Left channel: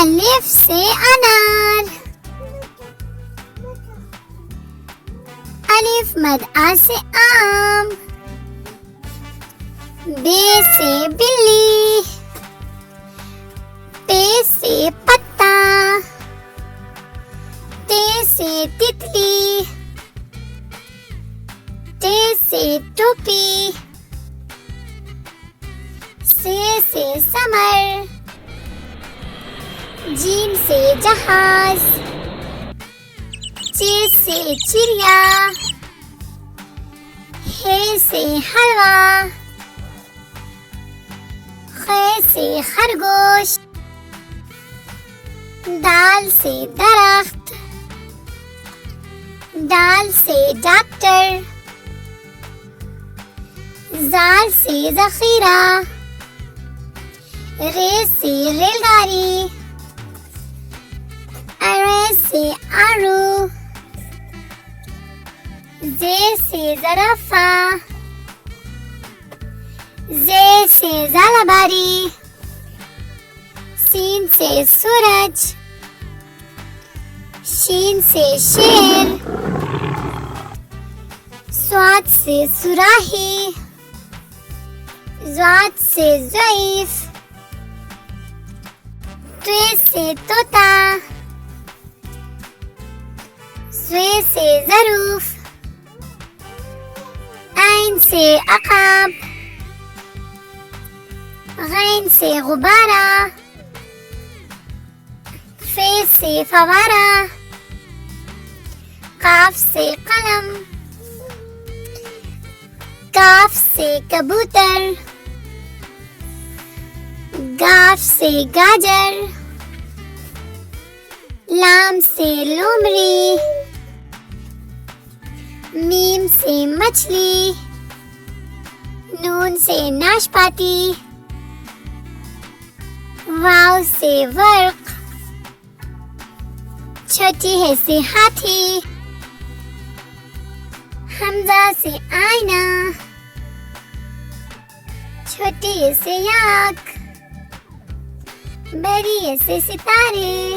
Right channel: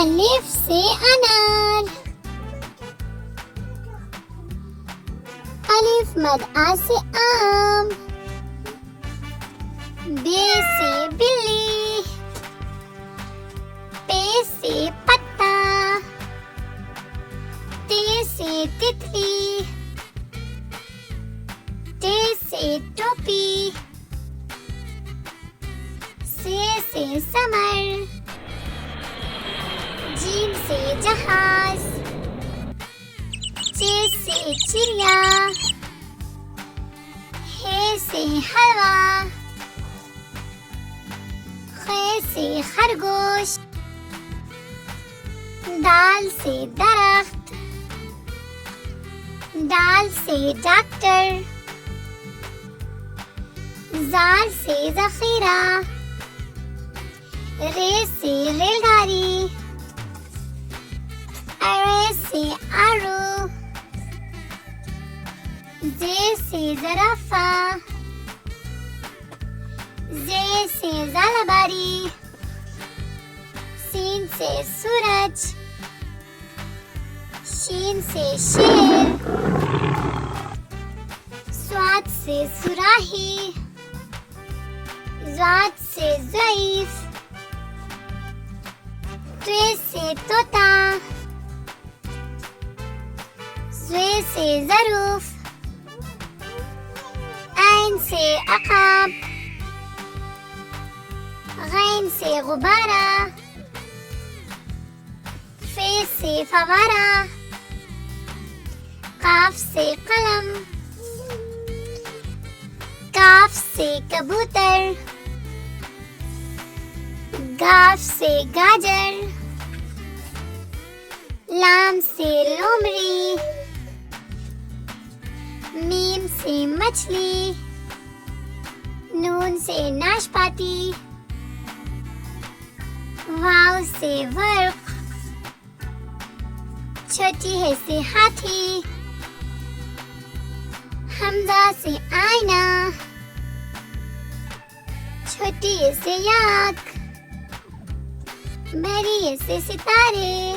अलिफ से अनार, अलिफ मद आ से आम, बे से बिल्ली, पे से पत्ता, ते से तितली, टे से टोपी, से समर, जीम से जहाज, चे से चिड़िया, हे से हलवा, खे से खरगोश, दाल से दरख्त, दाल से डॉक्टर, जाल से जखीरा, रे से रेलगाड़ी, अरे से आरू, जे से ज़राफ़ा, जे से ज़ालाबारी, सीन से सूरज, शीन से शेर, स्वाद से सुराही, ज़ाद से ज़ईफ़, त्वे से तोता, स्वे से ज़रूफ़, ऐन से अक़ाब, गैन से गुब्बारा, फे से फवारा, काफ से कलम, काफ से कबूतर, गाफ से गाजर, लाम से लोमड़ी, मीम से मछली, नून से नाशपाती, वाव से वर्क, छोटी है से हाथी, हमजा से आईना, छोटी है से याक, बड़ी है से सितारे।